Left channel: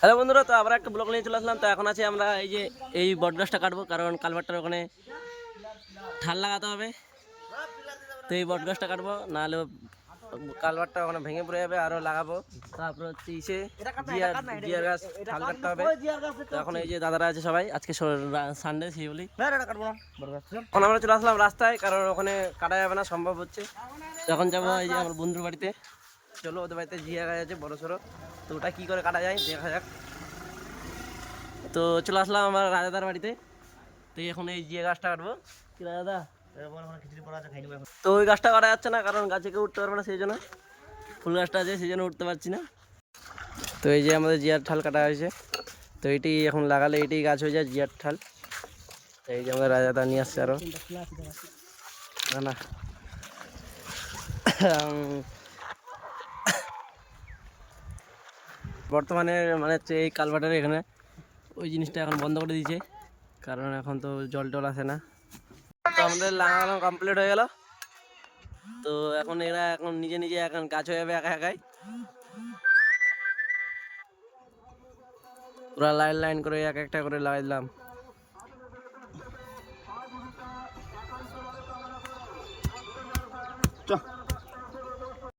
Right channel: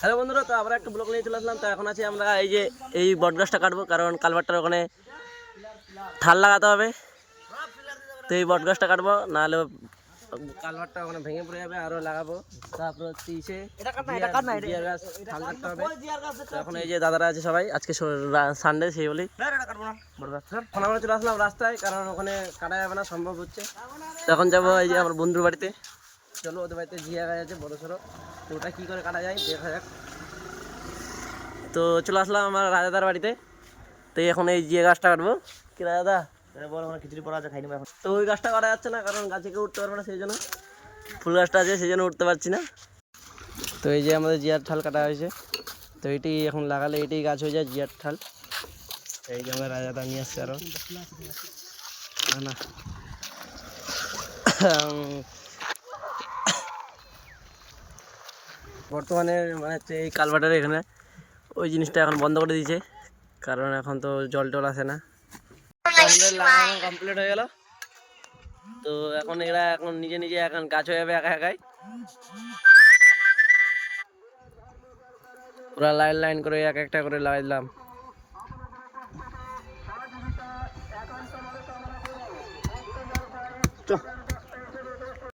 Hello বন্ধুরা, তো আমরা একটা ব্লগ নিয়ে চলে আসলাম। তো এখন আছি আমরা এই বটগাছটা কাটবো, কারণ কালভারটার ওখানে ঠাল লাগাতে হবে। তো এই বটগাছটা কাটবো, নাহলে কালভারটা ওখানে ভেঙে পড়ে যাবে। আরও লাগাবো, তারপর হচ্ছে জিয়ার গাছ ঠাল কাটতে হবে। তো এখন এই যে দাদারা আছে সবাই, আজকে সানডে সেই বলেই এখন আমরা চলে আসলাম রাস্তায়, কারণ ওখানে কাটা যাবে না, সম্ভব হচ্ছে। তো এখন যাবো এই যে আমার বন্ধুর বাড়িতে। চলো, ওদের বাড়িতে জিয়া গাছ আছে বড়ো সড়ো, তো ওটা কী করে কাটা যায় দেখা যাক। তো চলে আসলাম আমার রাজাদার বাড়িতে। তো এখন এই জিয়া গাছটা কাটবো। কি রাজাদা, খিচুড়ি পড়া আছে, খাই নেবো এখন। তো ওই গাছটা কাটা যাচ্ছে না, কারণ গাছে কেউ উঠতে পারবে না, সেই জন্য। ফুল গাছটা আছে, সেই জন্য উঠতে পারছি না। তো এই যে আমাদের জিয়ার ঠাল কাটা হয়েছে, তো এইটি এখন লাগালে এইটাই গাছ হয়ে যায় জিয়ার ঠাল। এই যে আমাদের রাজাদা নিয়ে আসছে আরো না। বর্তমানে মানে হচ্ছে এই কালভার্টের এখানে ওই জিনিসটা এখন বন্ধ করে দিয়েছে, কারণ এখন তো জল টল আসে না। তো আমাদের লাগানো কমপ্লিট হয়ে গেল। তো এখন এরা এখন নিজে নিজে এখন গাছ হয়ে যাবে একা একাই। পুরা লাইন লাইন করে এক একটা করে লাগাই দিলাম।